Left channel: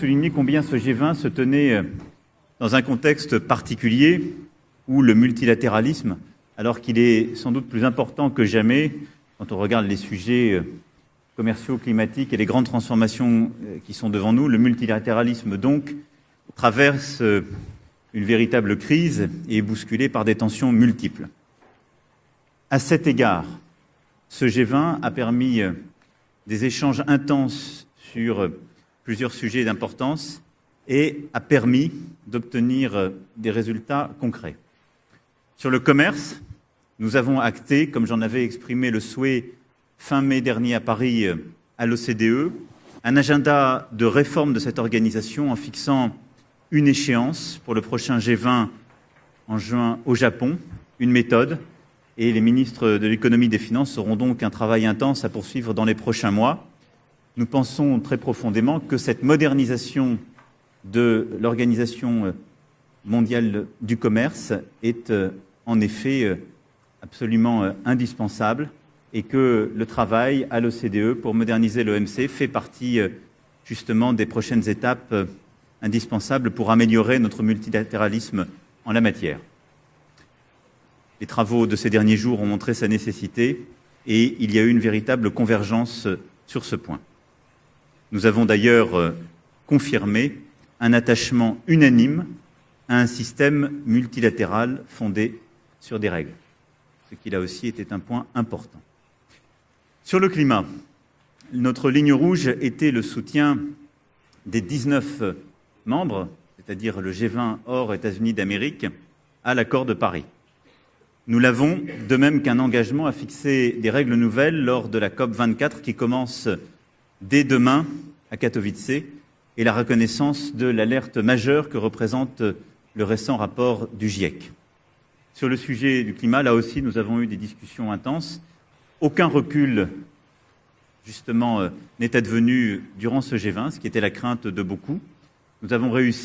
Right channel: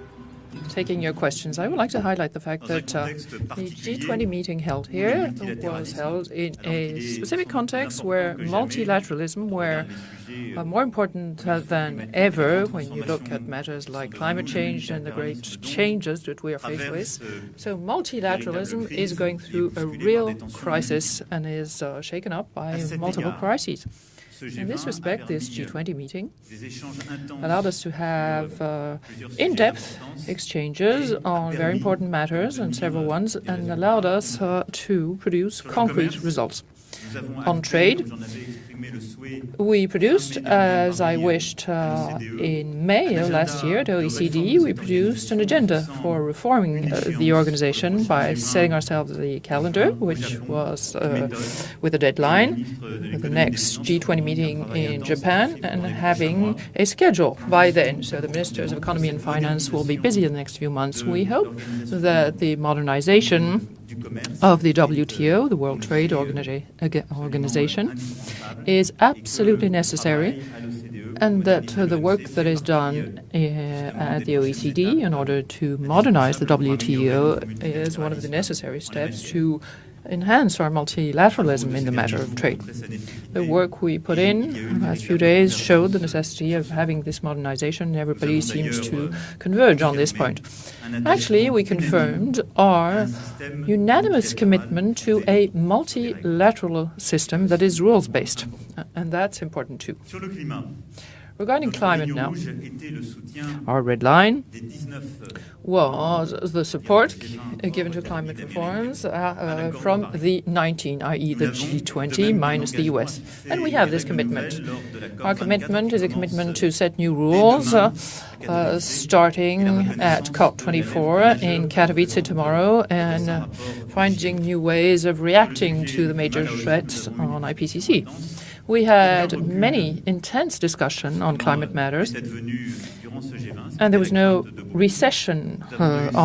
souligner combien ce G20 se tenait dans un contexte particulier où le multilatéralisme, alors qu'il est sans doute plus important que jamais quand on regarde les sujets commerciaux, climatiques et les grandes transformations qui sont devant nous, le multilatéralisme donc traverse une véritable crise et est bousculé par des tensions multiples. À cet égard, ce G20 a permis des échanges intenses sur plusieurs sujets d'importance et a permis d'obtenir des résultats concrets. Sur le commerce, nous avons acté, comme j'en avais exprimé le souhait fin mai dernier à Paris à l'OCDE, un agenda de réforme de cette organisation en fixant une échéance pour le prochain G20 en juin au Japon, une méthode. Et les ministres de l'économie et des finances auront donc un travail intense à poursuivre dans les prochains mois. Nous pensons très profondément que cette modernisation de l'organisation mondiale du commerce est en effet absolument indispensable et que le travail à l'OCDE pour moderniser l'OMC fait partie justement des prochaines étapes indispensables pour améliorer notre multilatéralisme en la matière. Les travaux de ces derniers jours ont montré sa nécessité et il y a eu une véritable convergence sur ce point. Nous avons d'ailleurs confirmé un attachement unanime à un système multilatéral fondé sur des règles. Il a aussi un point important. Sur le climat, notre ligne rouge était le soutien des 19 membres, c'est-à-dire le G20 hors États-Unis d'Amérique, à l'accord de Paris. Nous l'avons, de même qu'un engagement à fixer des règles nouvelles lors de la COP24 qui commence dès demain à Katowice et la reconnaissance de l'alerte majeure que représente le récent rapport du GIEC. Sur le sujet du climat, là aussi, nous avons eu des discussions intenses. Aucun recul, justement, n'est advenu durant ce G20, ce qui était la crainte de beaucoup. Nous avons réussi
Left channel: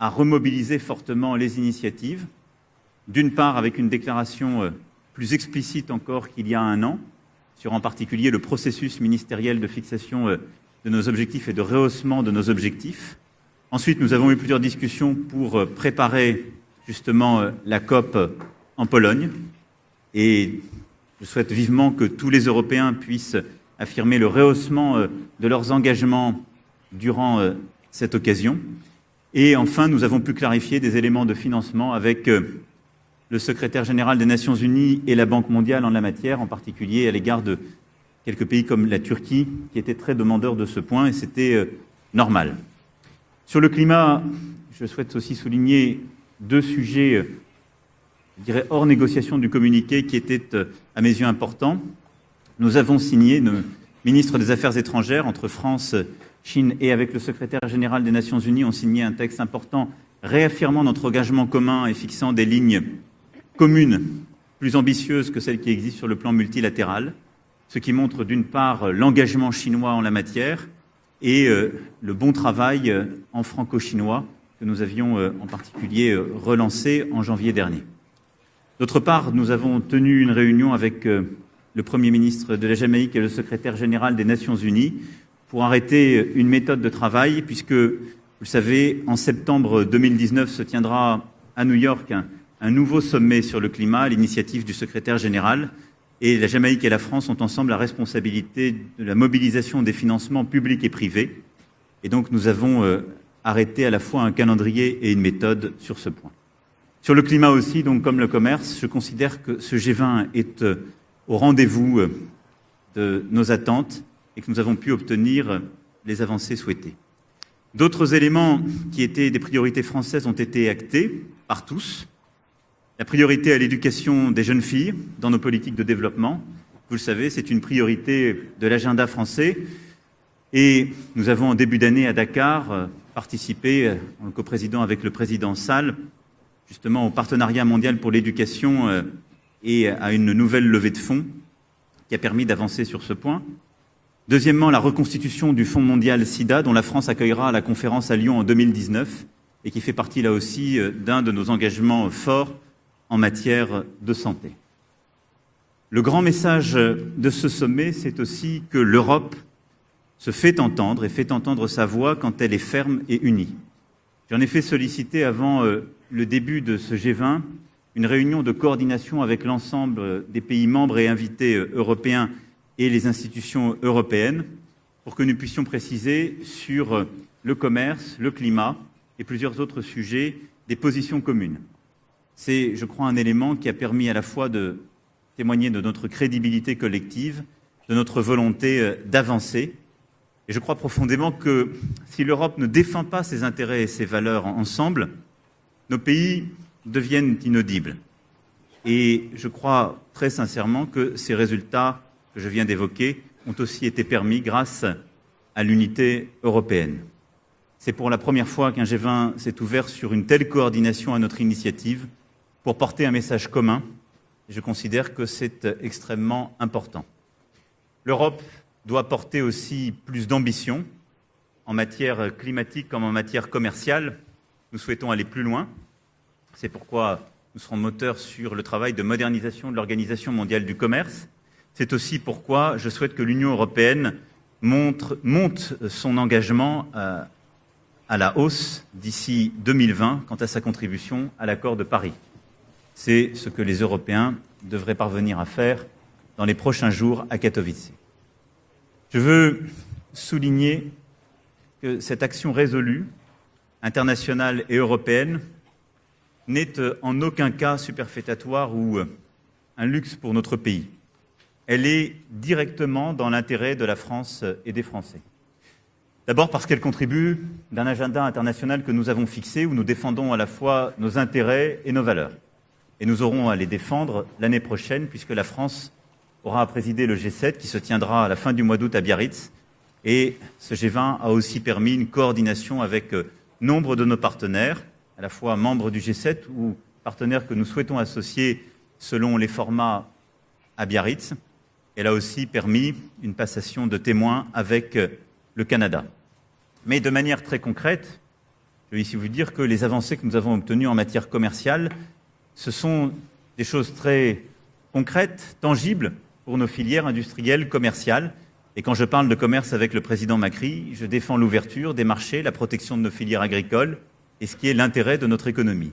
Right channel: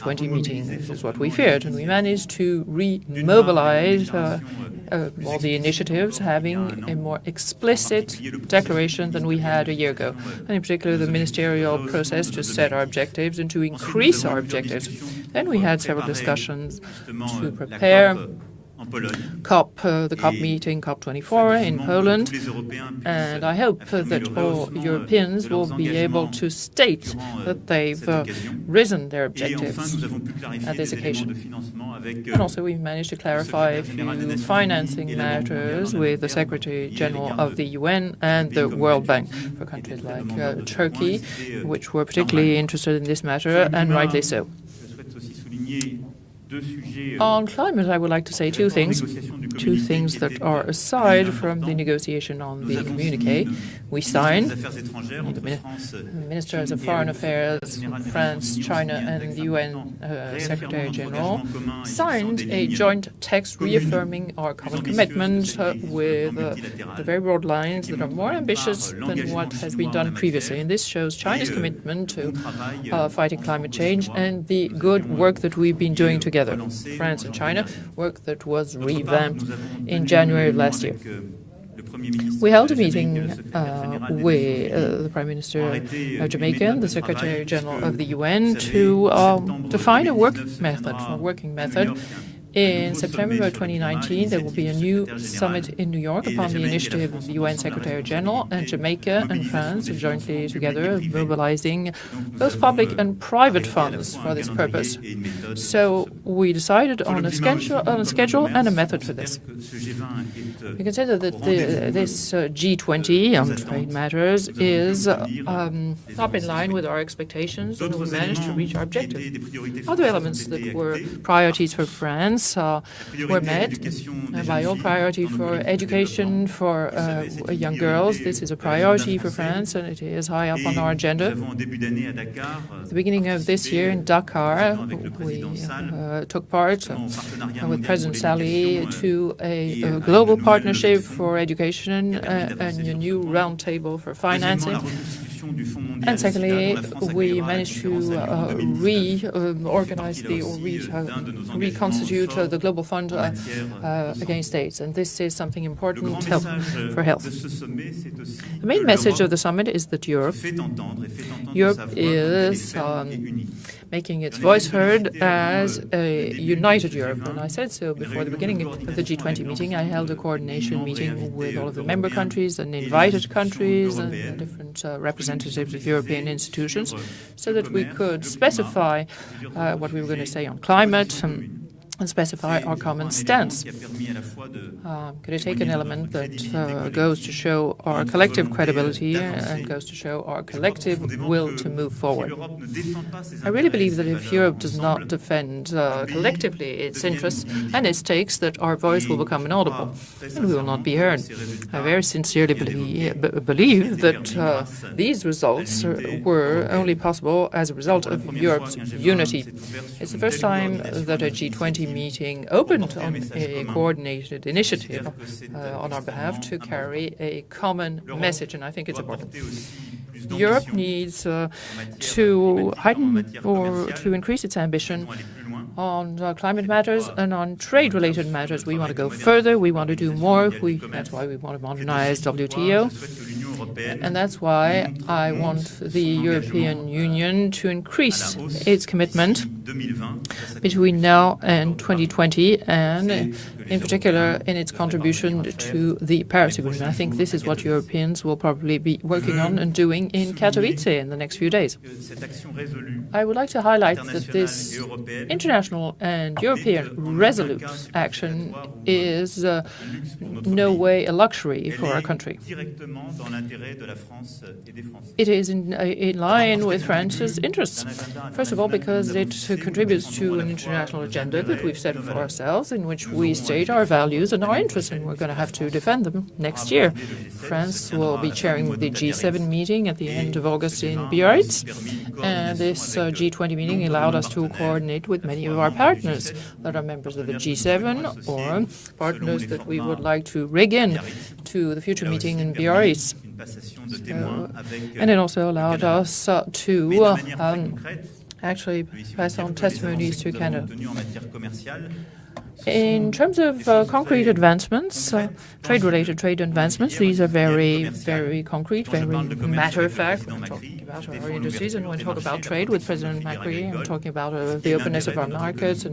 à remobiliser fortement les initiatives, d'une part avec une déclaration plus explicite encore qu'il y a un an, sur en particulier le processus ministériel de fixation de nos objectifs et de rehaussement de nos objectifs. Ensuite, nous avons eu plusieurs discussions pour préparer justement la COP en Pologne, et je souhaite vivement que tous les Européens puissent affirmer le rehaussement de leurs engagements durant cette occasion. Et enfin, nous avons pu clarifier des éléments de financement avec le secrétaire général des Nations Unies et la Banque mondiale en la matière, en particulier à l'égard de quelques pays comme la Turquie, qui étaient très demandeurs de ce point, et c'était normal. Sur le climat, je souhaite aussi souligner deux sujets hors négociation du communiqué qui étaient à mes yeux importants. Nous avons signé, le ministre des Affaires étrangères, entre France, Chine et avec le secrétaire général des Nations Unies, ont signé un texte important réaffirmant notre engagement commun et fixant des lignes communes plus ambitieuses que celles qui existent sur le plan multilatéral, ce qui montre d'une part l'engagement chinois en la matière et le bon travail en franco-chinois que nous avions en particulier relancé en janvier dernier. D'autre part, nous avons tenu une réunion avec le Premier ministre de la Jamaïque et le secrétaire général des Nations Unies pour arrêter une méthode de travail puisque, vous savez, en septembre 2019 se tiendra à New York un nouveau sommet sur le climat à l'initiative du secrétaire général, et la Jamaïque et la France ont ensemble la responsabilité de la mobilisation des financements publics et privés. Et donc nous avons arrêté à la fois un calendrier et une méthode sur ce point. Sur le climat aussi, donc comme le commerce, je considère que ce G20 est au rendez-vous de nos attentes et que nous avons pu obtenir les avancées souhaitées. D'autres éléments qui étaient des priorités françaises ont été actés par tous. La priorité à l'éducation des jeunes filles dans nos politiques de développement. Vous le savez, c'est une priorité de l'agenda français. Et nous avons en début d'année à Dakar participé, en co-président avec le président Sall, justement au partenariat mondial pour l'éducation et à une nouvelle levée de fonds qui a permis d'avancer sur ce point. Deuxièmement, la reconstitution du Fonds mondial SIDA dont la France accueillera la conférence à Lyon en 2019 et qui fait partie là aussi d'un de nos engagements forts efforts en matière de santé. Le grand message de ce sommet, c'est aussi que l'Europe se fait entendre et fait entendre sa voix quand elle est ferme et unie. J'en ai fait solliciter avant le début de ce G20 une réunion de coordination avec l'ensemble des pays membres et invités européens et les institutions européennes pour que nous puissions préciser sur le commerce, le climat et plusieurs autres sujets des positions communes. C'est, je crois, un élément qui a permis à la fois de témoigner de notre crédibilité collective, de notre volonté d'avancer. Et je crois profondément que si l'Europe ne défend pas ses intérêts et ses valeurs ensemble, nos pays deviennent inaudibles. Et je crois très sincèrement que ces résultats que je viens d'évoquer ont aussi été permis grâce à l'unité européenne. C'est pour la première fois qu'un G20 s'est ouvert sur une telle coordination à notre initiative pour porter un message commun. Je considère que c'est extrêmement important. L'Europe doit porter aussi plus d'ambition en matière climatique comme en matière commerciale. Nous souhaitons aller plus loin. C'est pourquoi nous sommes moteurs sur le travail de modernisation de l'Organisation mondiale du commerce. C'est aussi pourquoi je souhaite que l'Union européenne monte son engagement à la hausse d'ici 2020 quant à sa contribution à l'accord de Paris. C'est ce que les Européens devraient parvenir à faire dans les prochains jours à Katowice. Je veux souligner que cette action résolue, internationale et européenne, n'est en aucun cas superfétatoire ou un luxe pour notre pays. Elle est directement dans l'intérêt de la France et des Français. D'abord parce qu'elle contribue d'un agenda international que nous avons fixé où nous défendons à la fois nos intérêts et nos valeurs. Et nous aurons à les défendre l'année prochaine puisque la France aura présidé le G7 qui se tiendra à la fin du mois d'août à Biarritz. Et ce G20 a aussi permis une coordination avec nombre de nos partenaires, à la fois membres du G7 ou partenaires que nous souhaitons associer selon les formats à Biarritz. Elle a aussi permis une passation de témoins avec le Canada. Mais de manière très concrète, je peux ici vous dire que les avancées que nous avons obtenues en matière commerciale, ce sont des choses très concrètes, tangibles pour nos filières industrielles commerciales. Et quand je parle de commerce avec le président Macri, je défends l'ouverture des marchés, la protection de nos filières agricoles et ce qui est l'intérêt de notre économie.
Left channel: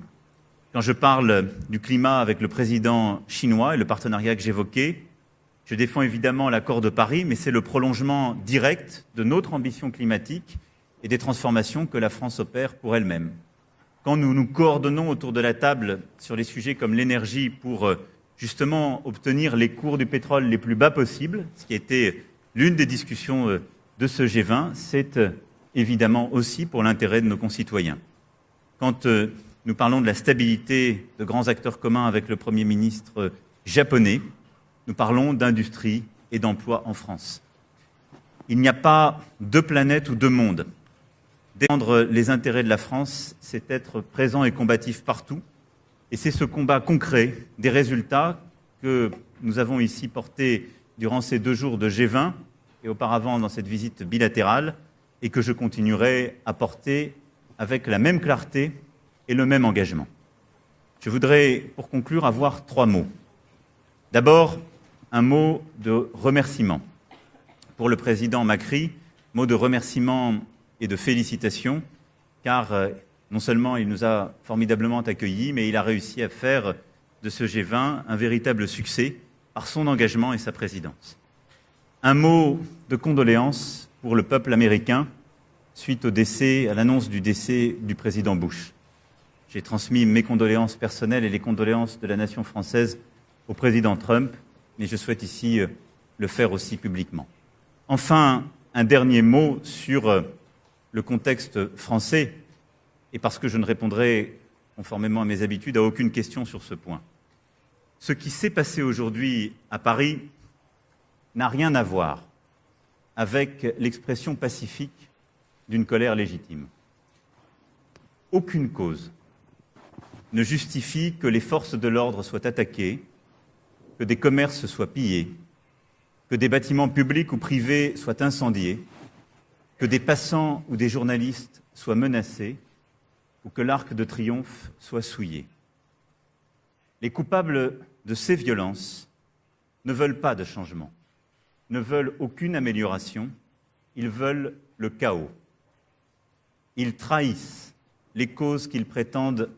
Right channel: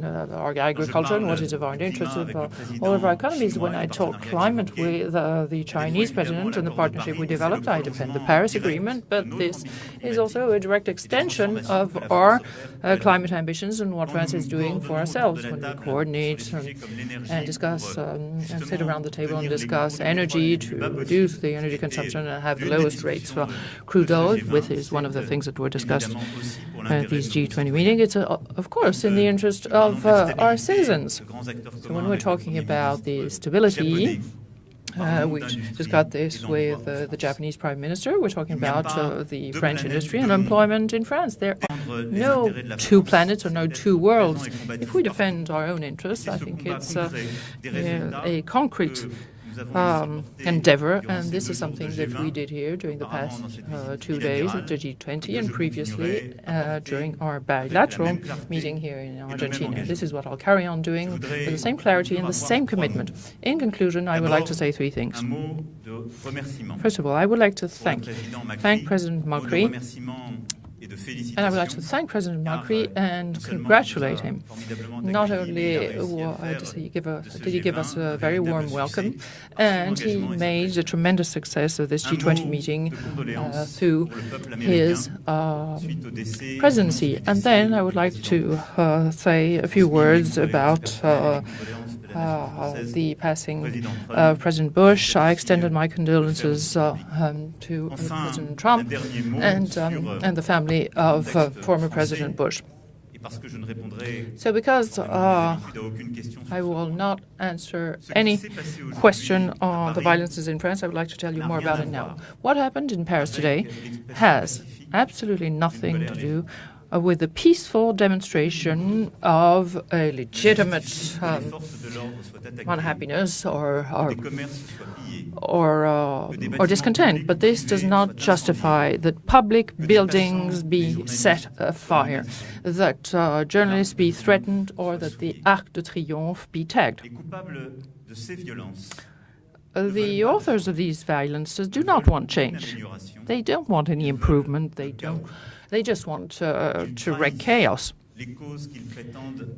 Quand je parle du climat avec le président chinois et le partenariat que j'évoquais, je défends évidemment l'accord de Paris, mais c'est le prolongement direct de notre ambition climatique et des transformations que la France opère pour elle-même. Quand nous nous coordonnons autour de la table sur les sujets comme l'énergie pour justement obtenir les cours du pétrole les plus bas possibles, ce qui était l'une des discussions de ce G20, c'est évidemment aussi pour l'intérêt de nos concitoyens. Quand nous parlons de la stabilité de grands acteurs communs avec le Premier ministre japonais, nous parlons d'industrie et d'emploi en France. Il n'y a pas deux planètes ou deux mondes. Défendre les intérêts de la France, c'est être présent et combatif partout. Et c'est ce combat concret des résultats que nous avons ici portés durant ces 2 jours de G20 et auparavant dans cette visite bilatérale et que je continuerai à porter avec la même clarté et le même engagement. Je voudrais, pour conclure, avoir 3 mots. D'abord, un mot de remerciement pour le président Macri, mot de remerciement et de félicitations, car non seulement il nous a formidablement accueillis, mais il a réussi à faire de ce G20 un véritable succès par son engagement et sa présidence. Un mot de condoléances pour le peuple américain suite au décès, à l'annonce du décès du président Bush. J'ai transmis mes condoléances personnelles et les condoléances de la nation française au président Trump, et je souhaite ici le faire aussi publiquement. Enfin, un dernier mot sur le contexte français, et parce que je ne répondrai, conformément à mes habitudes, à aucune question sur ce point. Ce qui s'est passé aujourd'hui à Paris n'a rien à voir avec l'expression pacifique d'une colère légitime. with a peaceful demonstration of a legitimate ne justifie que les forces de l'ordre soient attaquées, que des commerces soient pillés, que des bâtiments publics ou privés soient incendiés, que des passants ou des journalistes soient menacés, que l'Arc de Triomphe soit souillé. Les coupables de ces violences ne veulent pas de changement, ne veulent aucune amélioration, ils veulent le chaos. They just want Ils to wreak chaos. Les causes qu'ils prétendent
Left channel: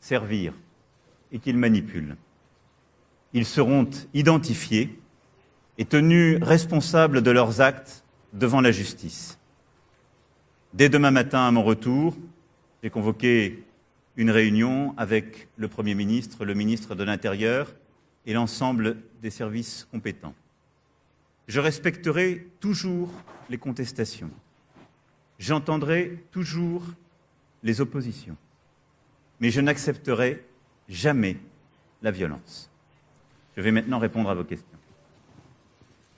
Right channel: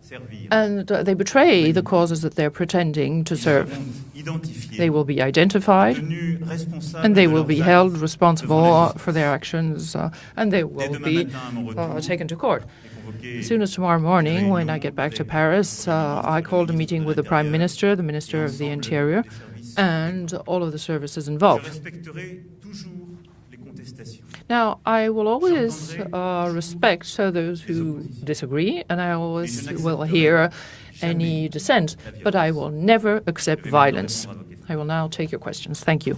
servir. And they betray the causes that they're pretending to Ils serve. seront identifiés They will be identified et tenus responsables and they de will leurs be actes held responsible devant la for their justice. actions, and they will Dès demain be matin, à mon retour, taken to court. j'ai convoqué As soon as tomorrow une morning, when I réunion get back to avec Paris, le Premier ministre, I le called a ministre meeting de with the Prime l'Intérieur Minister, the et Minister of the l'ensemble Interior, des services and compétents. all of the services Je involved. respecterai toujours les contestations. Now, I will always J'entendrai respect those les who oppositions. disagree, and I Mais always je will n'accepterai hear jamais any dissent, la but I violence. will never accept Je vais maintenant violence. répondre à vos questions. I will now take your questions. Thank you.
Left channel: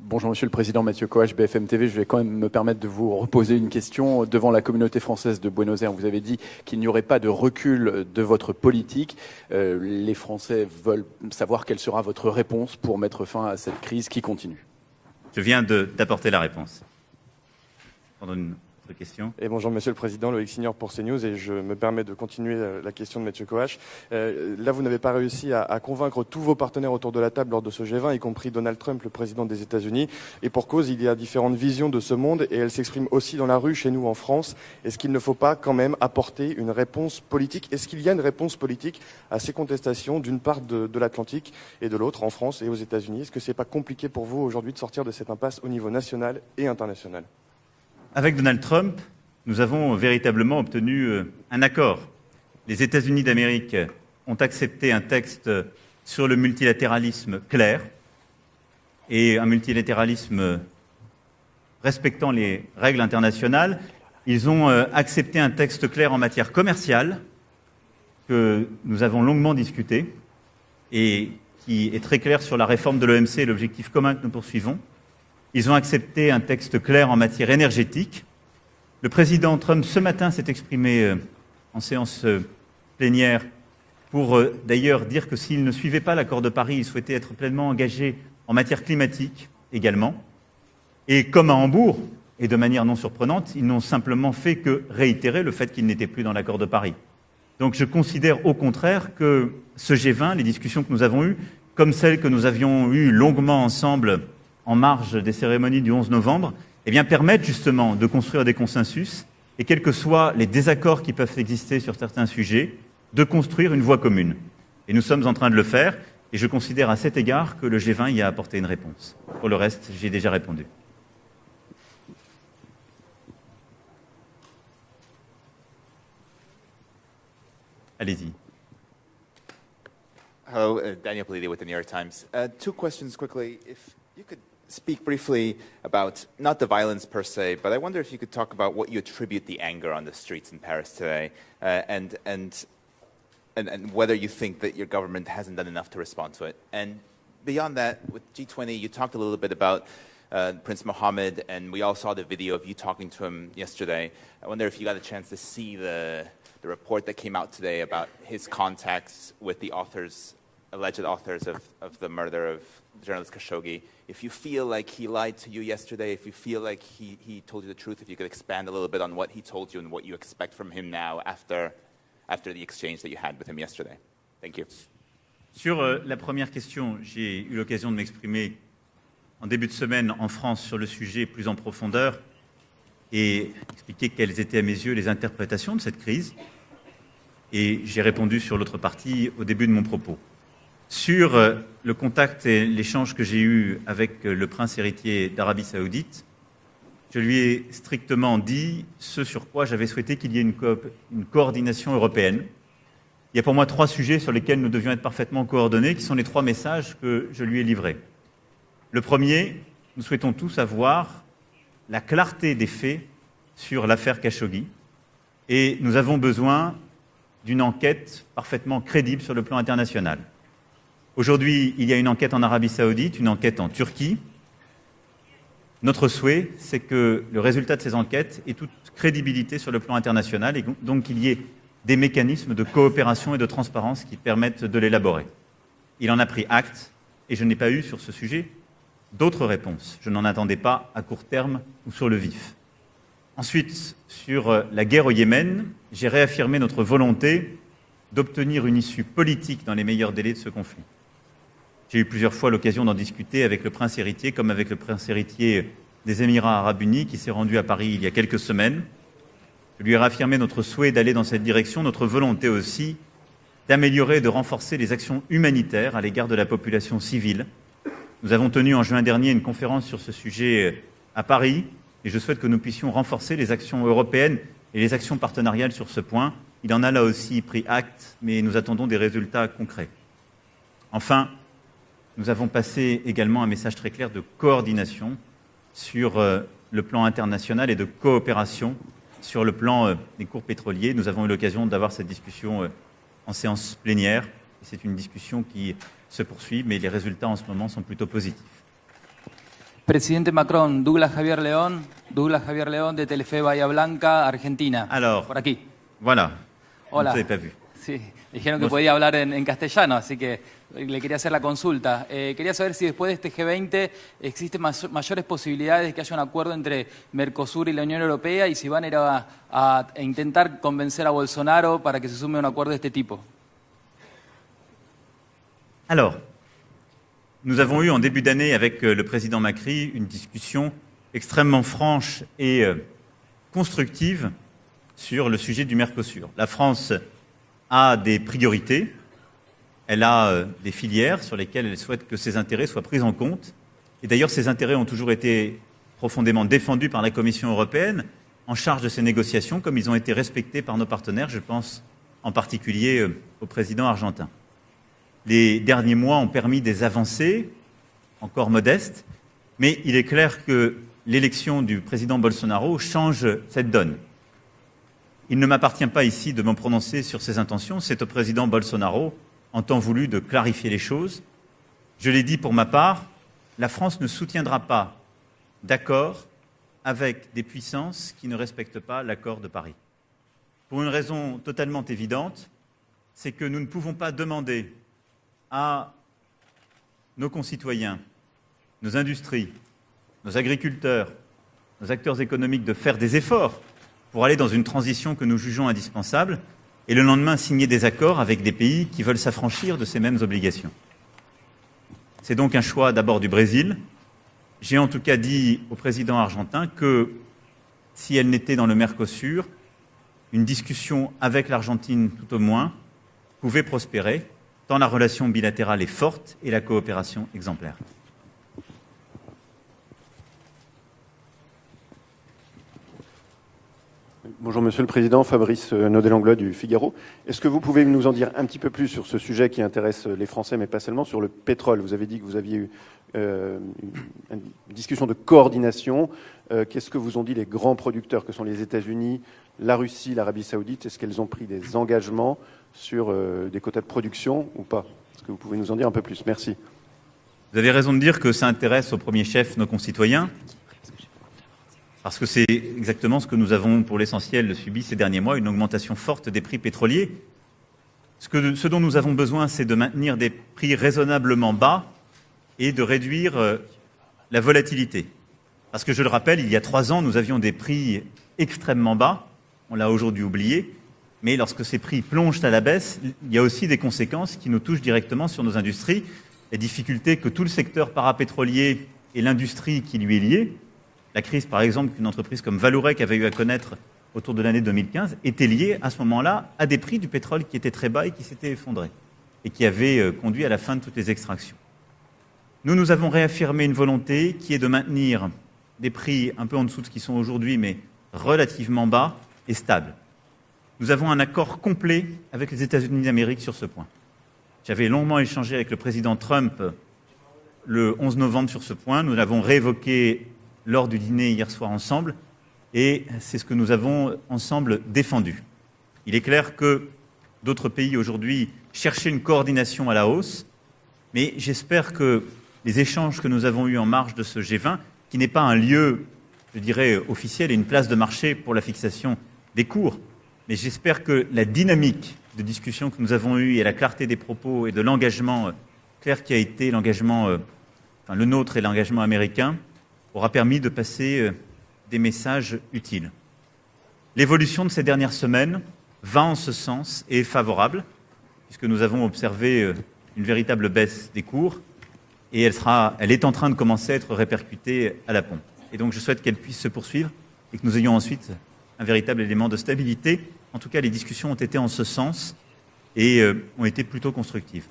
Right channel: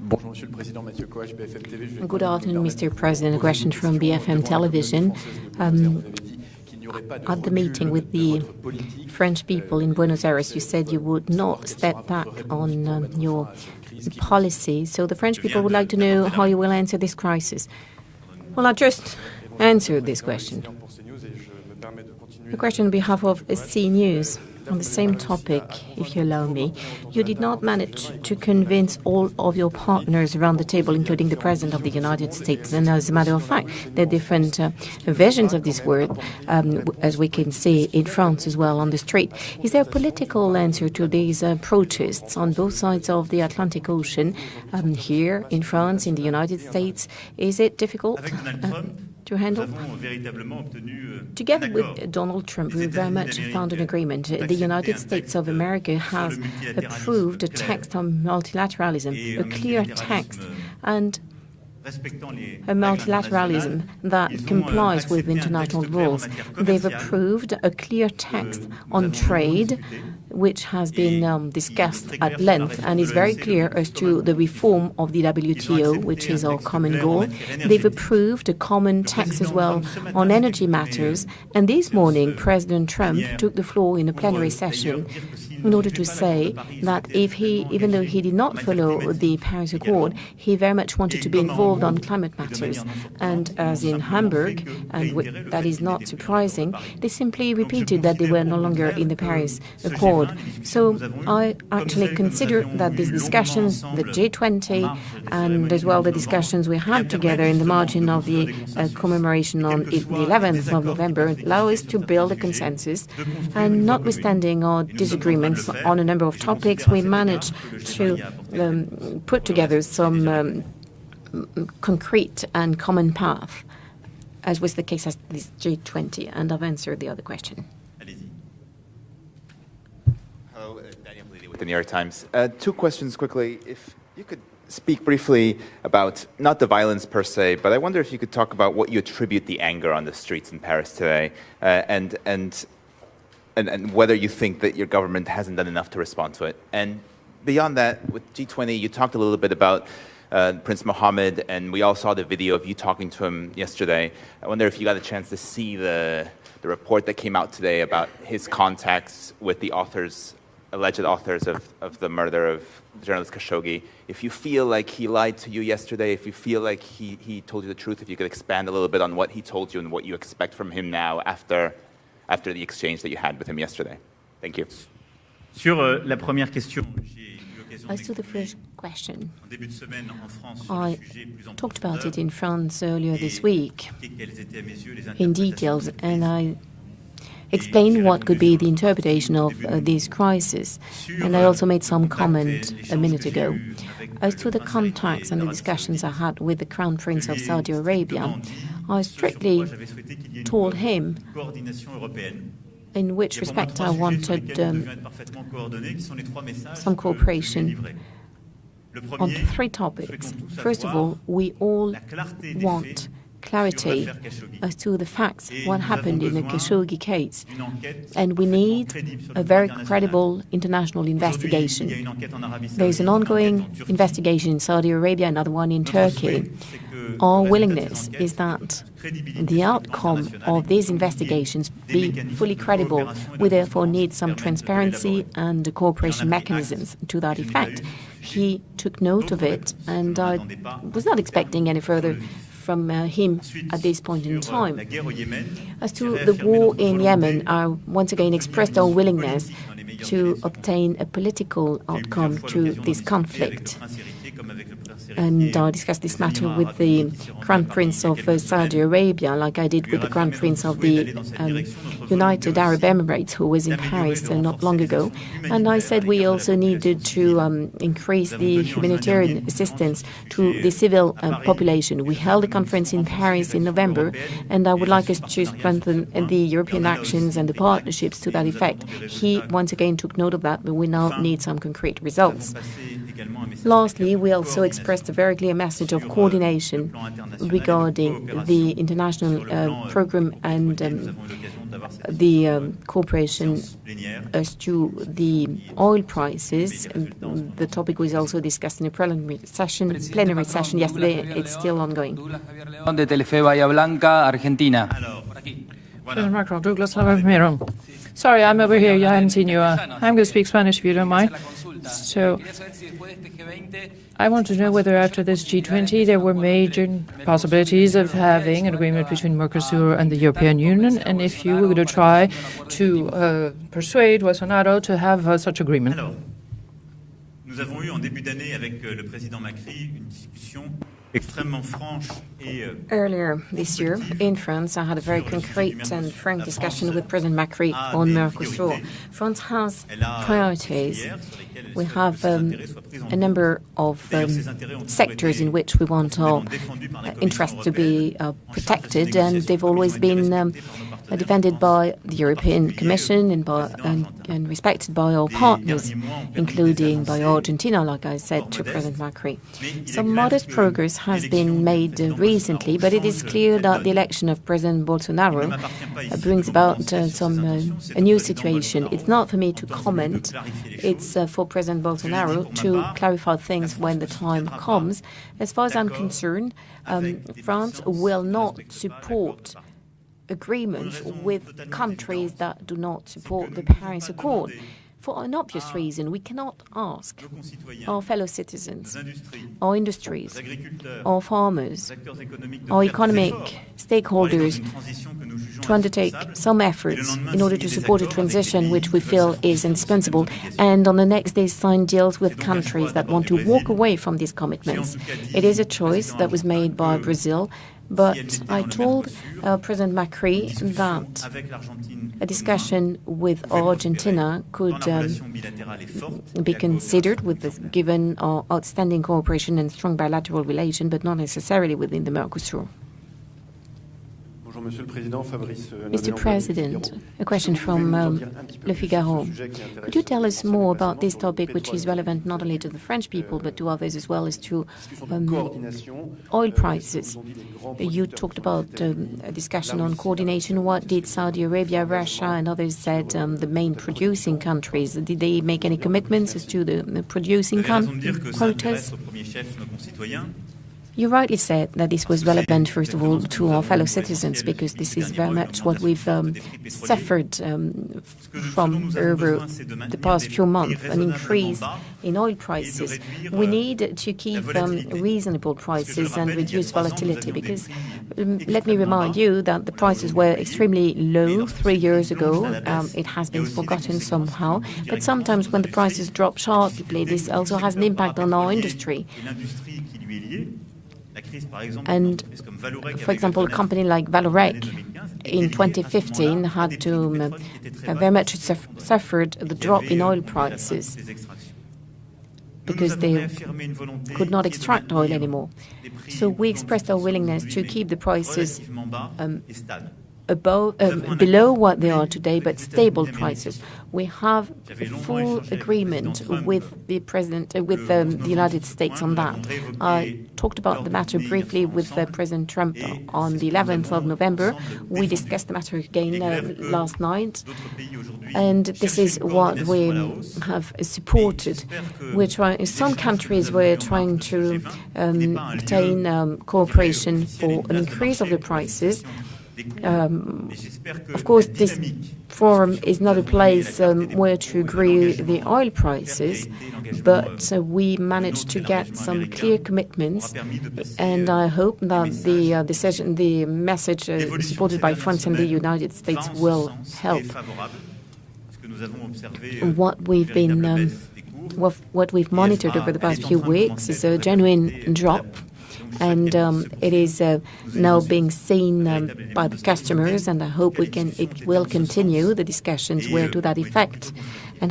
Bonjour Monsieur le Président, Mathieu Coache, BFM TV. Je vais quand même me permettre de vous President, poser une question from question BFM devant la communauté Television. française de Buenos Aires. Vous avez dit qu'il n'y aurait pas de at the meeting recul with de the votre politique. French people in Les Buenos Aires, you Français said you veulent would savoir not quelle step sera votre back réponse on pour mettre your fin à cette crise qui continue. policy. So the French Je people viens would like to know d'apporter la how you will réponse. answer this crisis. Pendant une Well, I just question. Et bonjour Monsieur le answer this Président, Loïc question. Signor pour CNews et je me permets de continuer A la question on question behalf de of Monsieur Coache. CNews. Là, vous on the n'avez same pas réussi topic, à if convaincre you tous allow vos me. partenaires autour de You la did table not lors de ce manage G20, y to compris Donald convince Trump, le all président of des your États-Unis. partners Et around pour the cause, table, il y a including the différentes President visions of the de ce United monde et elles States. And as a s'expriment matter aussi of dans la fact, rue chez nous they're en France. different Est-ce qu'il ne faut versions pas of quand this même word, apporter une réponse as we can politique? see Est-ce qu'il y in a une France réponse as well on the politique street. à ces Is there a contestations d'une political part answer de to these l'Atlantique et de l'autre en protests on France et aux both sides États-Unis? of Est-ce the que c'est pas Atlantic compliqué pour Ocean, vous aujourd'hui de sortir de cette here impasse in au niveau France, in the national United et States? international? Is it difficult Avec Donald Trump, to nous handle? avons véritablement obtenu un Together accord. with Donald Trump, Les we very États-Unis much d'Amérique found an agreement. ont The accepté United un States texte of America sur le has multilatéralisme approved a clair text on multilateralism, et a un clear multilatéralisme text, and respectant les a règles internationales. multilateralism that Ils ont complies with accepté un texte international clair en laws. matière They've commerciale approved a clear que text nous on avons longuement trade, discuté which has et been qui discussed est très at clair sur la length réforme and de is very l'OMC, clear l'objectif as commun to que the nous poursuivons. reform of the WTO, Ils ont which accepté un is our texte common clair en law. matière They've énergétique. approved a common Le text as président well Trump ce matin on s'est energy exprimé matters. And en this séance morning, President Trump plénière took the floor in a pour plenary session d'ailleurs dire que s'il ne in order suivait to pas l'accord de say Paris, il that souhaitait être if he, pleinement even though he engagé did not en matière follow the climatique Paris également. Accord, he very much wanted Et to be comme à involved Hambourg, on climate et de matters. manière non surprenante, ils And n'ont as in simplement fait Hamburg, que réitérer le that fait is qu'ils not n'étaient plus dans l'accord de surprising, Paris. they simply Donc je repeated that they considère were au no longer contraire in the que Paris ce Accord. G20, les discussions que So nous avons eues, I comme actually celles que nous consider avions that the eues longuement discussions, ensemble the G20, en marge des and cérémonies as du well 11 the novembre, discussions we eh bien, had permettent together in the justement margin de of construire des the consensus commemoration et on quels que the soient les 11th of désaccords qui November, peuvent allow exister us sur to certains build a sujets, consensus. de construire And une voie commune. notwithstanding our Et nous sommes en train de le disagreements faire on a number of et je topics, considère à we cet égard managed que le G20 y a to apporté une réponse. put Pour le together reste, j'y ai déjà some répondu. concrete and common path, as was the case at this G20, and I've answered the other question. Allez-y. Hello, Daniel Politi with the New York Times. Two questions quickly. If you could speak briefly about, not the violence per se, but I wonder if you could talk about what you attribute the anger on the streets in Paris today, and whether you think that your government hasn't done enough to respond to it. And beyond that, with G20, you talked a little bit about Prince Mohammed, and we all saw the video of you talking to him yesterday. I wonder if you got a chance to see the report that came out today about his contacts with the authors, alleged authors of the murder of journalist Khashoggi. If you feel like he lied to you yesterday, if you feel like he told you the truth, if you could expand a little bit on what he told you and what you expect from him now after the exchange that you had with him yesterday. Thank you. Sur la première question, j'ai eu l'occasion de m'exprimer en début de semaine en France sur le sujet plus en profondeur et expliquer quelles étaient à mes yeux les interprétations de cette crise. Et j'ai répondu sur l'autre partie au début de mon propos. Sur le contact et l'échange que j'ai eu avec le prince héritier d'Arabie Saoudite, je lui ai strictement dit ce sur quoi j'avais souhaité qu'il y ait une coordination européenne. Il y a pour moi trois sujets sur lesquels nous devions être parfaitement coordonnés, qui sont les trois messages que je lui ai livrés. Le premier, nous souhaitons tous avoir la clarté des faits sur l'affaire Khashoggi. Et nous avons besoin d'une enquête parfaitement crédible sur le plan international. Aujourd'hui, il y a une enquête en Arabie Saoudite, une enquête en Turquie. Notre souhait, c'est que le résultat de ces enquêtes ait toute crédibilité sur le plan international et donc qu'il y ait des mécanismes de coopération et de transparence qui permettent de l'élaborer. Il en a pris acte et je n'ai pas eu sur ce sujet d'autres réponses. Je n'en attendais pas à court terme sur le vif. Ensuite, sur la guerre au Yémen, j'ai réaffirmé notre volonté d'obtenir une issue politique dans les meilleurs délais de ce conflit. J'ai eu plusieurs fois l'occasion d'en discuter avec le prince héritier comme avec le prince héritier des Émirats arabes unis qui s'est rendu à Paris il y a quelques semaines. Je lui ai réaffirmé notre souhait d'aller dans cette direction, notre volonté aussi d'améliorer et de renforcer les actions humanitaires à l'égard de la population civile. Nous avons tenu en juin dernier une conférence sur ce sujet à Paris et je souhaite que nous puissions renforcer les actions européennes et les actions partenariales sur ce point. Il y en a là aussi pris acte, mais nous attendons des résultats concrets. Enfin, nous avons passé également un message très clair de coordination sur le plan international et de coopération sur le plan des cours pétroliers. Nous avons eu l'occasion d'avoir cette discussion en séance plénière. C'est une discussion qui se poursuit, mais les résultats en ce moment sont plutôt positifs. Presidente Macron, Douglas Javier León de Telefe Bahía Blanca, Argentina. Alors, por aquí. voilà. Douglas Hola. Javier. Sí. Sorry, I'm over here. I haven't seen you. I'm going to speak Spanish if you don't quería hacer mind. la consulta. So, Quería saber si después de este G20 I want to know whether after this G20 there were major possibilities of having an agreement between Mercosur and the European Union, and if you would try to persuade Bolsonaro to have such agreement. Alors, nous avons eu en début d'année avec le président Macri une discussion extrêmement franche et constructive sur le sujet du Mercosur. La France a des priorités, elle a des filières sur lesquelles elle souhaite que ses intérêts soient pris en compte. Et d'ailleurs, ces intérêts ont toujours été profondément défendus par la Commission européenne en charge de ces négociations, comme ils ont été respectés par nos partenaires, je pense en particulier au président argentin. Les derniers mois ont permis des avancées encore modestes, mais il est clair que l'élection du président Bolsonaro change cette donne. Il ne m'appartient pas ici de me prononcer sur ses intentions. C'est au président Bolsonaro, en temps voulu, de clarifier les choses. Je l'ai dit pour ma part, la France ne soutiendra pas d'accord avec des puissances qui ne respectent pas l'accord de Paris. Pour une raison totalement évidente, c'est que nous ne pouvons pas demander à nos concitoyens, nos industries, nos agriculteurs, nos acteurs économiques de faire des efforts pour aller dans une transition que nous jugeons indispensable et le lendemain signer des accords avec des pays qui veulent s'affranchir de ces mêmes obligations. C'est donc un choix d'abord du Brésil. J'ai en tout cas dit au président argentin que si elle n'était dans le Mercosur, une discussion avec l'Argentine peu moins pouvait prospérer, tant la relation bilatérale est forte et la coopération exemplaire. Bonjour Monsieur le Président, Fabrice Naudet-Langlois du Figaro. Est-ce que vous pouvez nous en dire un petit peu plus sur ce sujet qui intéresse les Français, mais pas seulement, sur le pétrole? Vous avez dit que vous aviez une discussion de coordination. Qu'est-ce que vous ont dit les grands producteurs que sont les États-Unis, la Russie, l'Arabie Saoudite? Est-ce qu'ils ont pris des engagements sur les quotas de production? Vous avez raison de dire que ça intéresse au premier chef nos concitoyens. Parce que c'est exactement ce que nous avons pour l'essentiel subi ces derniers mois, une augmentation forte des prix pétroliers. Ce dont nous avons besoin, c'est de maintenir des prix raisonnablement bas et de réduire la volatilité. Parce que je le rappelle, il y a 3 ans, nous avions des prix extrêmement bas, on l'a aujourd'hui oublié, mais lorsque ces prix plongent à la baisse, il y a aussi des conséquences qui nous touchent directement sur nos industries, les difficultés que tout le secteur parapétrolier et l'industrie qui lui est liée. La crise, par exemple, d'une entreprise comme Vallourec avait eu à connaître au cours de l'année 2015 était liée à ce moment-là à des prix du pétrole qui étaient très bas et qui s'étaient effondrés et qui avaient conduit à la fin de toutes les extractions. Nous avons réaffirmé une volonté qui est de maintenir des prix un peu en dessous de ce qu'ils sont aujourd'hui, mais relativement bas et stables. Nous avons un accord complet avec les États-Unis d'Amérique sur ce point. J'avais longuement échangé avec le président Trump le 11 novembre sur ce point. Nous l'avons réévoqué lors du dîner hier soir ensemble et c'est ce que nous avons ensemble défendu. Il est clair que d'autres pays aujourd'hui cherchaient une coordination à la hausse et j'espère que les échanges que nous avons eus en marge de ce G20, qui n'est pas un lieu, je dirais, officiel et une place de marché pour la fixation des cours, mais j'espère que la dynamique de discussion que nous avons eue et la clarté des propos et de l'engagement clair qui a été l'engagement le nôtre et l'engagement américain aura permis de passer des messages utiles. L'évolution de ces dernières semaines va en ce sens et est favorable, puisque nous avons observé une véritable baisse des cours et elle est en train de commencer à être répercutée à la pompe. Et donc je souhaite qu'elle puisse se poursuivre et que nous ayons ensuite un véritable élément de stabilité. En tout cas, les discussions ont été en ce sens et ont été plutôt constructives.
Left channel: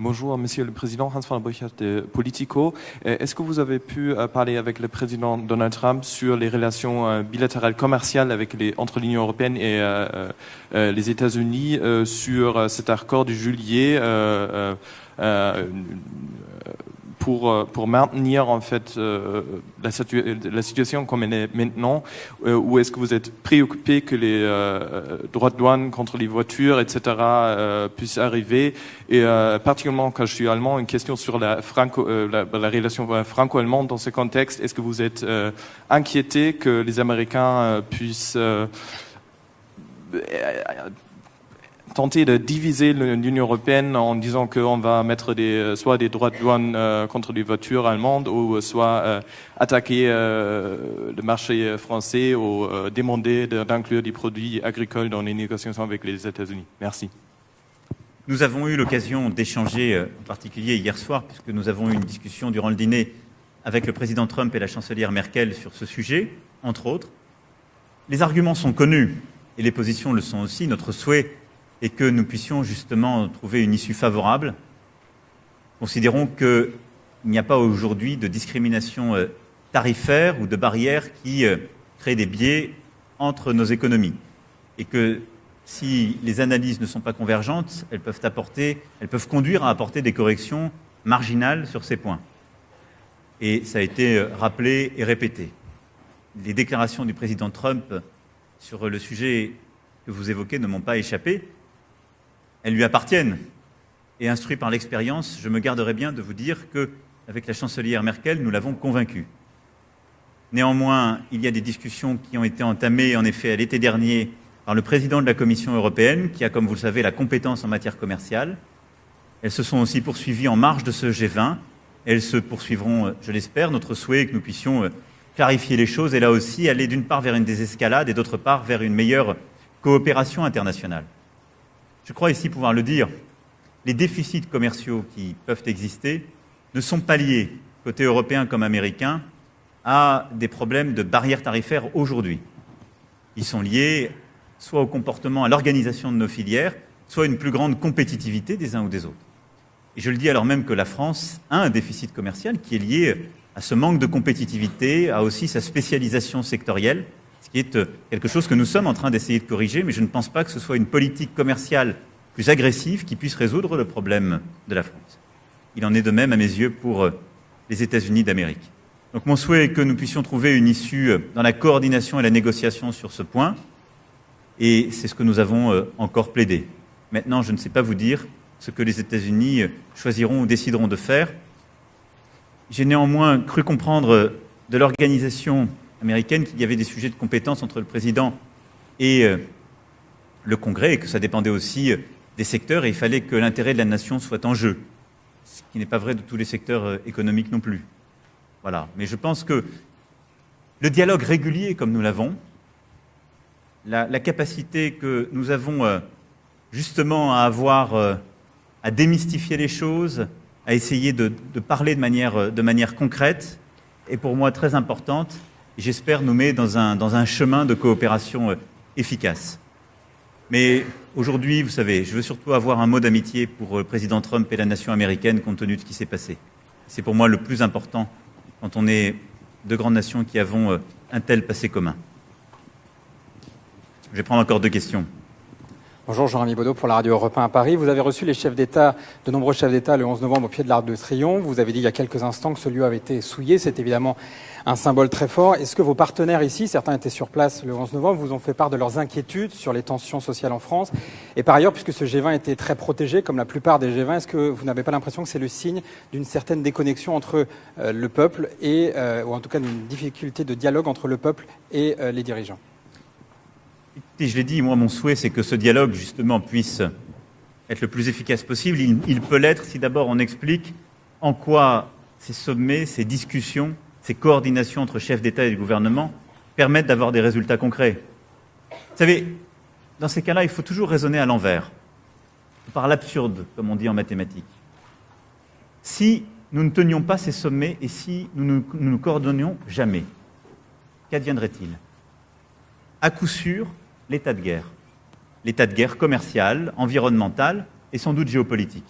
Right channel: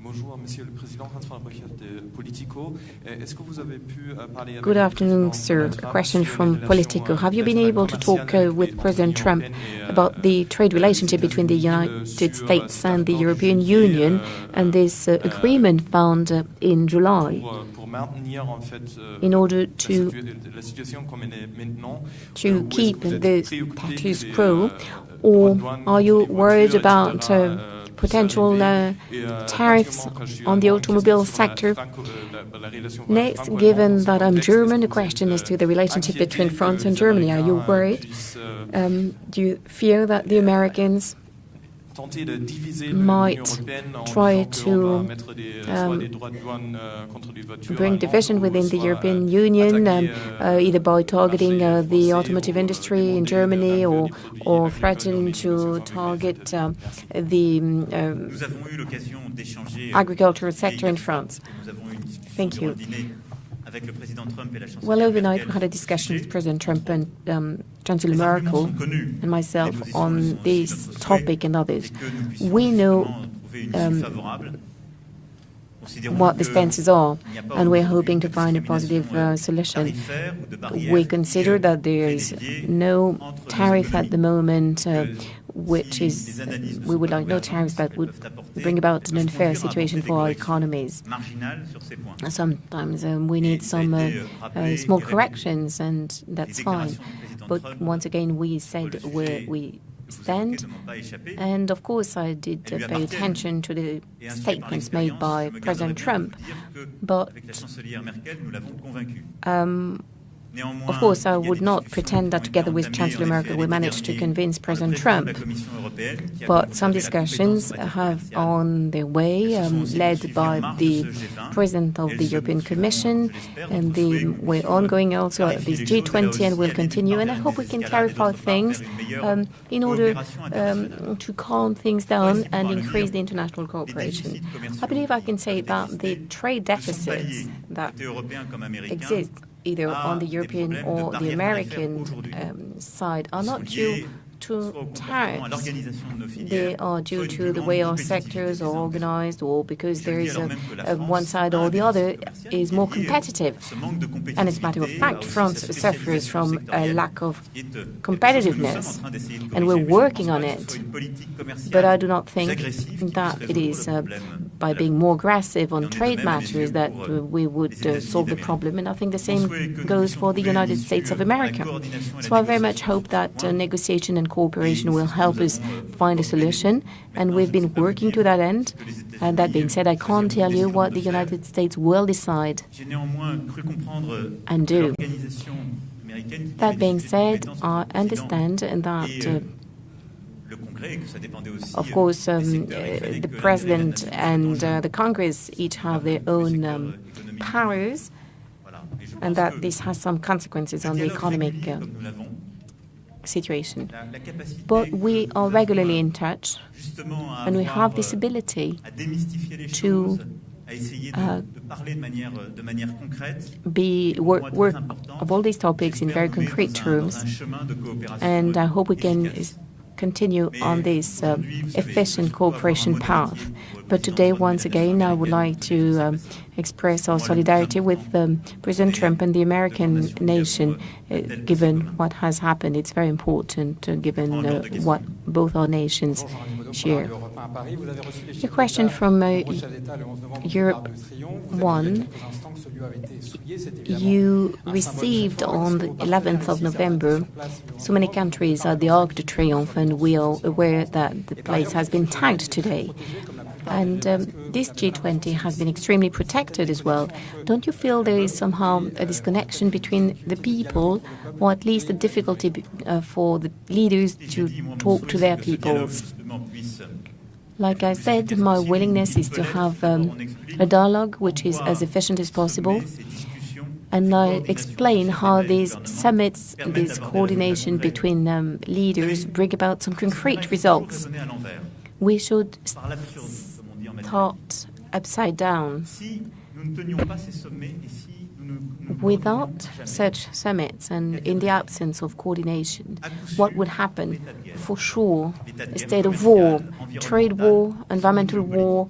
Bonjour, Monsieur le Président, Hans von Burchard de Politico. Est-ce que vous avez pu parler avec le président Donald Trump sur les relations bilatérales commerciales entre l'Union européenne et les États-Unis sur cet accord de juillet pour maintenir en fait la situation comme elle est maintenant, ou est-ce que vous êtes préoccupé que les droits de douane contre les voitures, etc. puissent arriver et quand je suis allemand, une question sur la relation franco-allemande dans ce contexte. Est-ce que vous êtes inquiété que les Américains puissent tenter de diviser l'Union européenne en disant qu'on va mettre soit des droits de douane contre les voitures allemandes ou soit attaquer le marché français ou demander d'inclure des produits agricoles dans les négociations avec les États-Unis. Merci. Nous avons eu l'occasion d'échanger en particulier hier soir, parce que nous avons eu une discussion durant le dîner avec le président Trump et la chancelière Merkel sur ce sujet, entre autres. Les arguments sont connus, les positions le sont aussi. Notre souhait est que nous puissions justement trouver une issue favorable. Considérons qu'il n'y a pas aujourd'hui de discrimination tarifaire ou de barrière qui crée des biais entre nos économies et que si les analyses ne sont pas convergentes, elles peuvent conduire à apporter des corrections marginales sur ces points. Et ça a été rappelé et répété. Les déclarations du président Trump sur le sujet que vous évoquez ne m'ont pas échappé. Elles lui appartiennent. Et instruit par l'expérience, je me garderai bien de vous dire qu'avec la chancelière Merkel, nous l'avons convaincu. Néanmoins, il y a des discussions qui ont été entamées, en effet, à l'été dernier, par le président de la Commission européenne, qui a, comme vous le savez, la compétence en matière commerciale. Elles se sont aussi poursuivies en marge de ce G20. Elles se poursuivront, je l'espère. Notre souhait est que nous puissions clarifier les choses et là aussi aller d'une part vers une désescalade et d'autre part vers une meilleure coopération internationale. Je crois ici pouvoir le dire, les déficits commerciaux qui peuvent exister ne sont pas liés, côté européen comme américain, à des problèmes de barrières tarifaires aujourd'hui. Ils sont liés soit au comportement, à l'organisation de nos filières, soit à une plus grande compétitivité des uns ou des autres. Et je le dis alors même que la France a un déficit commercial qui est lié à ce manque de compétitivité, à aussi sa spécialisation sectorielle, ce qui est quelque chose que nous sommes en train d'essayer de corriger, mais je ne pense pas que ce soit une politique commerciale plus agressive qui puisse résoudre le problème de la France. Il en est de même à mes yeux pour les États-Unis d'Amérique. Donc mon souhait est que nous puissions trouver une issue dans la coordination et la négociation sur ce point. Et c'est ce que nous avons encore plaidé. Maintenant, je ne sais pas vous dire ce que les États-Unis choisiront ou décideront de faire. J'ai néanmoins cru comprendre de l'organisation américaine qu'il y avait des sujets de compétence entre le président et le Congrès et que ça dépendait aussi des secteurs et il fallait que l'intérêt de la nation soit en jeu. Ce n'est pas vrai de tous les secteurs économiques non plus. Voilà. Mais je pense que le dialogue régulier comme nous l'avons, la capacité que nous avons justement à avoir, à démystifier les choses, à essayer de parler de manière concrète, est pour moi très importante. J'espère nous mettre dans un chemin de coopération efficace. Mais aujourd'hui, vous savez, je veux surtout avoir un mot d'amitié pour le président Trump et la nation américaine compte tenu de ce qui s'est passé. C'est pour moi le plus important quand on est deux grandes nations qui avons un tel passé commun. Je vais prendre encore deux questions. Bonjour, Jean-Rémy Baudot pour la Radio Europe 1 à Paris. Vous avez reçu les chefs d'État, de nombreux chefs d'État le 11 novembre au pied de l'Arc de Triomphe. Vous avez dit il y a quelques instants que ce lieu avait été souillé. C'est évidemment un symbole très fort. Est-ce que vos partenaires ici, certains étaient sur place le 11 novembre, vous ont fait part de leurs inquiétudes sur les tensions sociales en France? Et par ailleurs, puisque ce G20 était très protégé, comme la plupart des G20, est-ce que vous n'avez pas l'impression que c'est le signe d'une certaine déconnexion entre le peuple et, ou en tout cas, une difficulté de dialogue entre le peuple et les dirigeants? Et je l'ai dit, moi, mon souhait, c'est que ce dialogue, justement, puisse être le plus efficace possible. Il peut l'être si d'abord on explique en quoi ces sommets, ces discussions, ces coordinations entre chefs d'État et de gouvernement permettent d'avoir des résultats concrets. Vous savez, dans ces cas-là, il faut toujours raisonner à l'envers, par l'absurde, comme on dit en mathématiques. Si nous ne tenions pas ces sommets et si nous ne nous coordonnions jamais, qu'adviendrait-il? À coup sûr, l'état de guerre. L'état de guerre commercial, environnemental et sans doute géopolitique.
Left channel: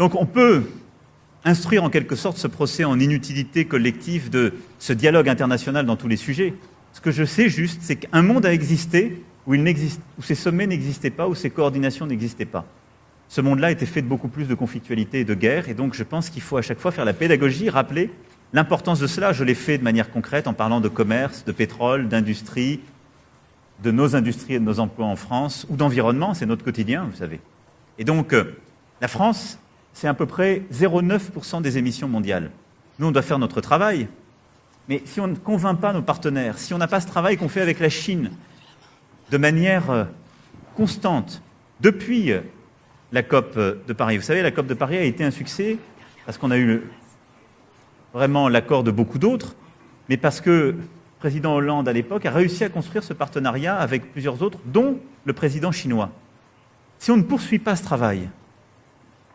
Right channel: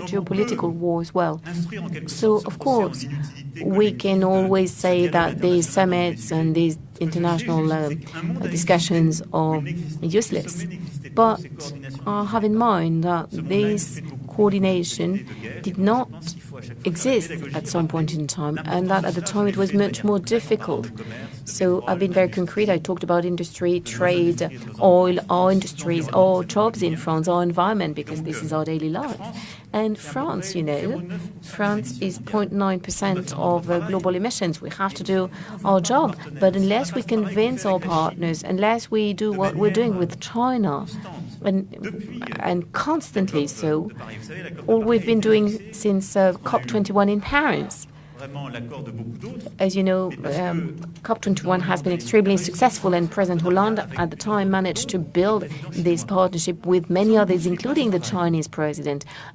Donc on peut instruire en quelque sorte ce procès en inutilité collective de ce dialogue international dans tous les sujets. Ce que je sais juste, c'est qu'un monde a existé où ces sommets n'existaient pas, où ces coordinations n'existaient pas. Ce monde-là était fait de beaucoup plus de conflictualité et de guerre, et donc je pense qu'il faut à chaque fois faire la pédagogie, rappeler l'importance de cela. Je l'ai fait de manière concrète en parlant de commerce, de pétrole, d'industrie, de nos industries et de nos emplois en France, ou d'environnement, c'est notre quotidien. Et donc, la France, c'est à peu près 0,9% des émissions mondiales. Nous, on doit faire notre travail, mais si on ne convainc pas nos partenaires, si on n'a pas ce travail qu'on fait avec la Chine de manière constante depuis la COP de Paris. Vous savez, la COP de Paris a été un succès parce qu'on a eu vraiment l'accord de beaucoup d'autres, mais parce que le président Hollande à l'époque a réussi à construire ce partenariat avec plusieurs autres, dont le président chinois. Si on ne poursuit pas ce travail,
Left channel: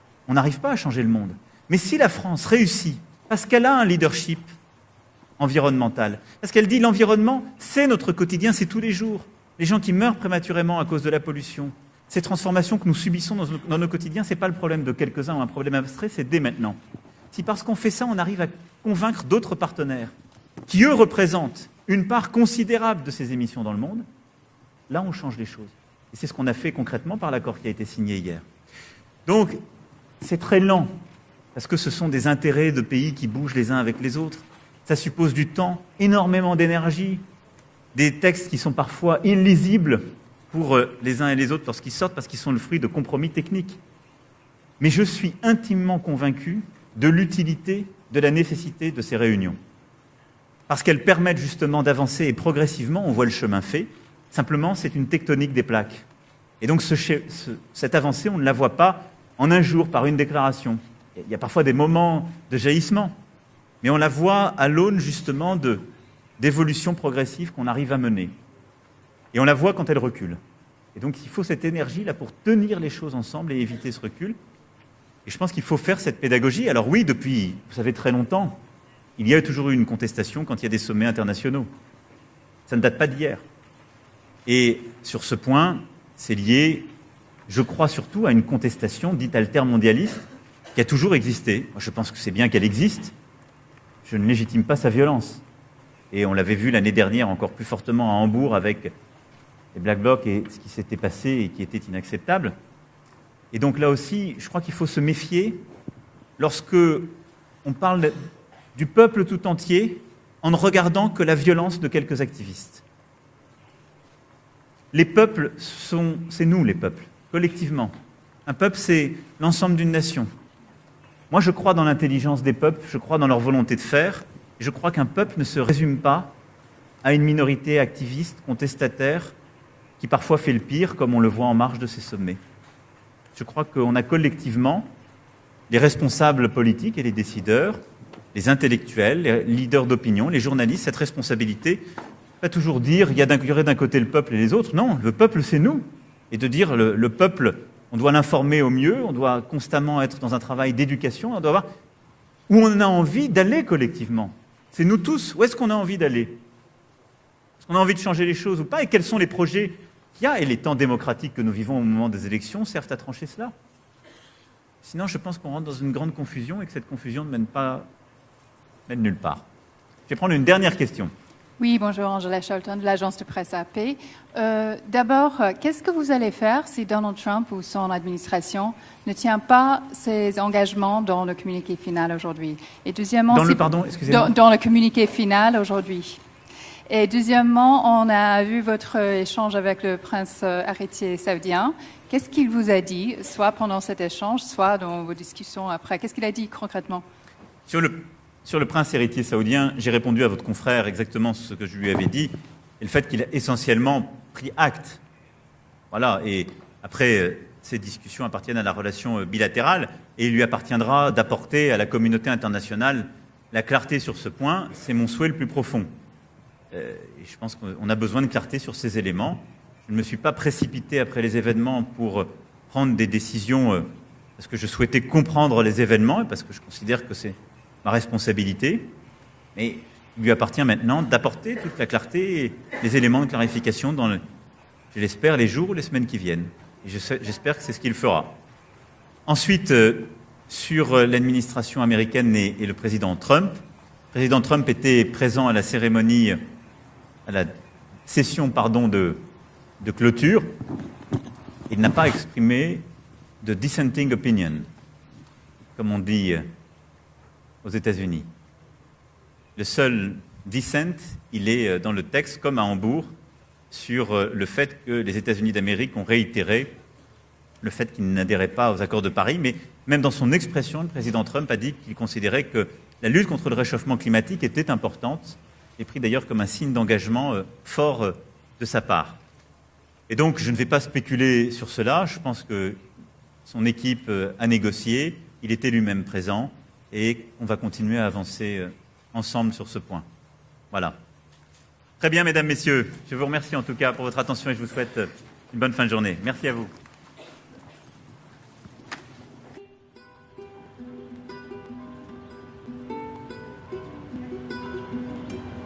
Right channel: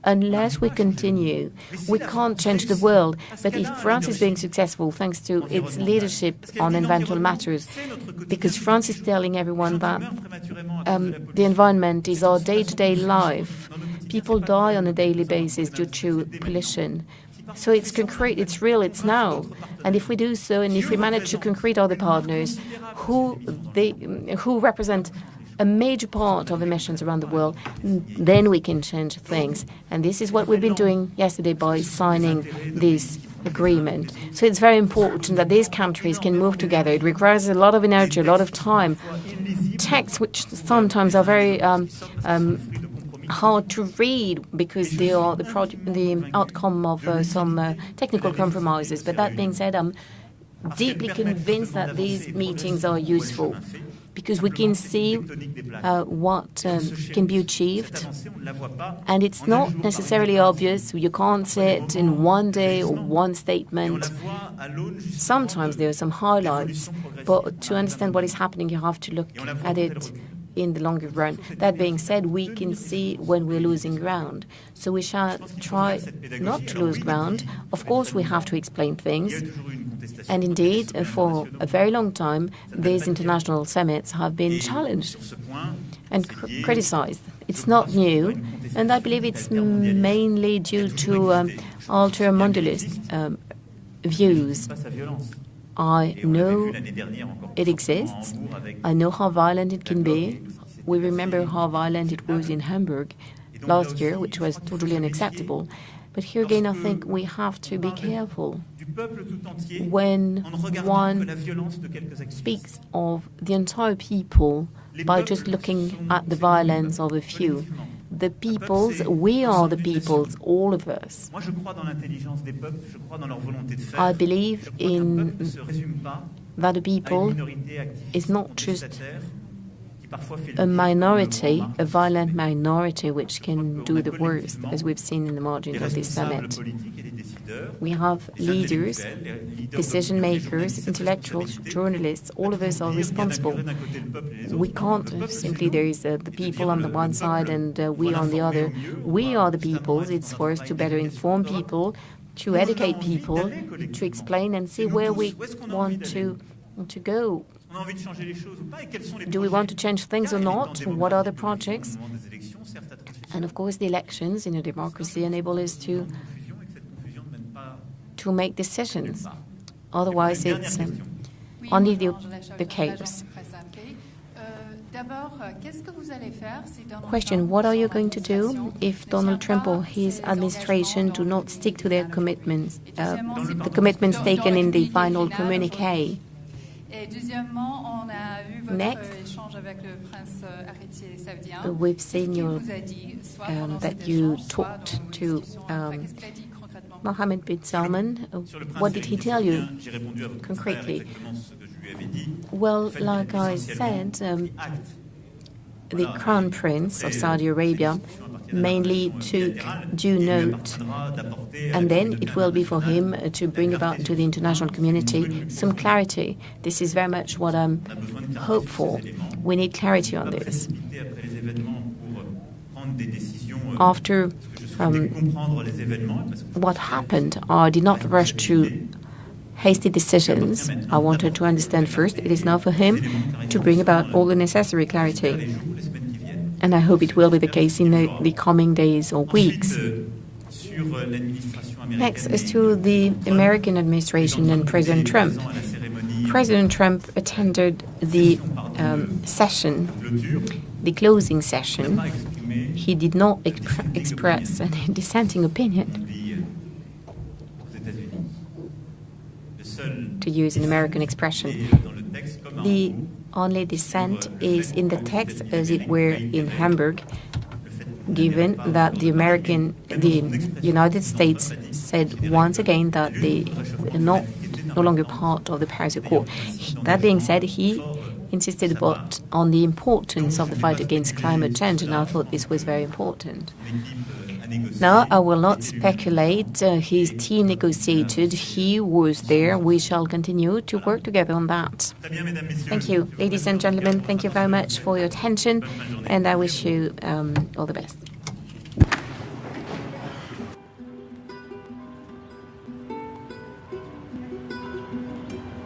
on n'arrive pas à changer le monde. Mais si la France réussit, parce qu'elle a un leadership environnemental, parce qu'elle dit l'environnement, c'est notre quotidien, c'est tous les jours. Les gens qui meurent prématurément à cause de la pollution, ces transformations que nous subissons dans nos quotidiens, ce n'est pas le problème de quelques-uns, un problème abstrait, c'est dès maintenant. Si parce qu'on fait ça, on arrive à convaincre d'autres partenaires qui, eux, représentent une part considérable de ces émissions dans le monde, là, on change les choses. C'est ce qu'on a fait concrètement par l'accord qui a été signé hier. Donc, c'est très lent, parce que ce sont des intérêts de pays qui bougent les uns avec les autres. Ça suppose du temps, énormément d'énergie, des textes qui sont parfois illisibles pour les uns et les autres lorsqu'ils sortent, parce qu'ils sont le fruit de compromis techniques. Mais je suis intimement convaincu de l'utilité, de la nécessité de ces réunions, parce qu'elles permettent justement d'avancer et progressivement, on voit le chemin fait. Simplement, c'est une tectonique des plaques. Et donc, cette avancée, on ne la voit pas en un jour par une déclaration. Il y a parfois des moments de jaillissement, mais on la voit à l'aune justement d'évolutions progressives qu'on arrive à mener. Et on la voit quand elle recule. Donc, il faut cette énergie-là pour tenir les choses ensemble et éviter ce recul. Je pense qu'il faut faire cette pédagogie. Alors oui, depuis, vous savez, très longtemps, il y a toujours eu une contestation quand il y a des sommets internationaux. Ça ne date pas d'hier. Et sur ce point, c'est lié, je crois surtout à une contestation dite altermondialiste qui a toujours existé. Je pense que c'est bien qu'elle existe. Je ne légitime pas sa violence. Et on l'avait vu l'année dernière encore plus fortement à Hambourg avec Black Bloc et ce qui s'était passé et qui était inacceptable. Et donc là aussi, je crois qu'il faut se méfier lorsque on parle du peuple tout entier en ne regardant que la violence de quelques activistes. Les peuples, c'est nous les peuples, collectivement. Un peuple, c'est l'ensemble d'une nation. Moi, je crois dans l'intelligence des peuples, je crois dans leur volonté de faire. Je crois qu'un peuple ne se résume pas à une minorité activiste, contestataire, qui parfois fait le pire, comme on le voit en marge de ce sommet. Je crois qu'on a collectivement les responsables politiques et les décideurs, les intellectuels, les leaders d'opinion, les journalistes, cette responsabilité. Pas toujours dire il y a d'un côté le peuple et les autres. Non, le peuple, c'est nous. Et de dire le peuple, on doit l'informer au mieux, on doit constamment être dans un travail d'éducation, on doit voir où on a envie d'aller collectivement. C'est nous tous, où est-ce qu'on a envie d'aller? Est-ce qu'on a envie de changer les choses ou pas? Et quels sont les projets qu'il y a? Et les temps démocratiques que nous vivons au moment des élections servent à trancher cela. Sinon, je pense qu'on rentre dans une grande confusion et que cette confusion ne mène pas nulle part. Je vais prendre une dernière question. Oui, bonjour, Angela Shelton de l'agence de presse AP. D'abord, qu'est-ce que vous allez faire si Donald Trump ou son administration ne tient pas ses engagements dans le communiqué final aujourd'hui? Et deuxièmement, dans le communiqué final aujourd'hui. Et deuxièmement, on a vu votre échange avec le prince héritier saoudien. Qu'est-ce qu'il vous a dit, soit pendant cet échange, soit dans vos discussions après? Qu'est-ce qu'il a dit concrètement? Sur le prince héritier saoudien, j'ai répondu à votre confrère exactement ce que je lui avais dit, le fait qu'il a essentiellement pris acte. Voilà, et après, ces discussions appartiennent à la relation bilatérale et il lui appartiendra d'apporter à la communauté internationale la clarté sur ce point. C'est mon souhait le plus profond. On a besoin de clarté sur ces éléments. Je ne suis pas précipité après les événements pour prendre des décisions parce que je souhaitais comprendre les événements et parce que je considère que c'est ma responsabilité. Il lui appartient maintenant d'apporter la clarté et des éléments de clarification dans j'espère les jours ou les semaines qui viennent. J'espère que c'est ce qu'il fera. Ensuite, sur l'administration américaine et le président Trump. Le président Trump était présent à la cérémonie, à la session de clôture. Il n'a pas exprimé de dissenting opinion, comme on dit aux États-Unis. Le seul dissent, il est dans le texte, comme à Hambourg, sur le fait que les États-Unis d'Amérique ont réitéré le fait qu'il n'adhérait pas aux accords de Paris, mais même dans son expression, le président Trump a dit qu'il considérait que la lutte contre le réchauffement climatique était importante, et d'ailleurs comme un signe d'engagement fort de sa part. Et donc je ne vais pas spéculer sur cela, je pense que son équipe a négocié, il est élu-même présent, et on va continuer à avancer ensemble sur ce point. Voilà. Très bien, mesdames, messieurs, je vous remercie en tout cas pour votre attention et je vous souhaite une bonne fin de journée. Merci à vous. All the best.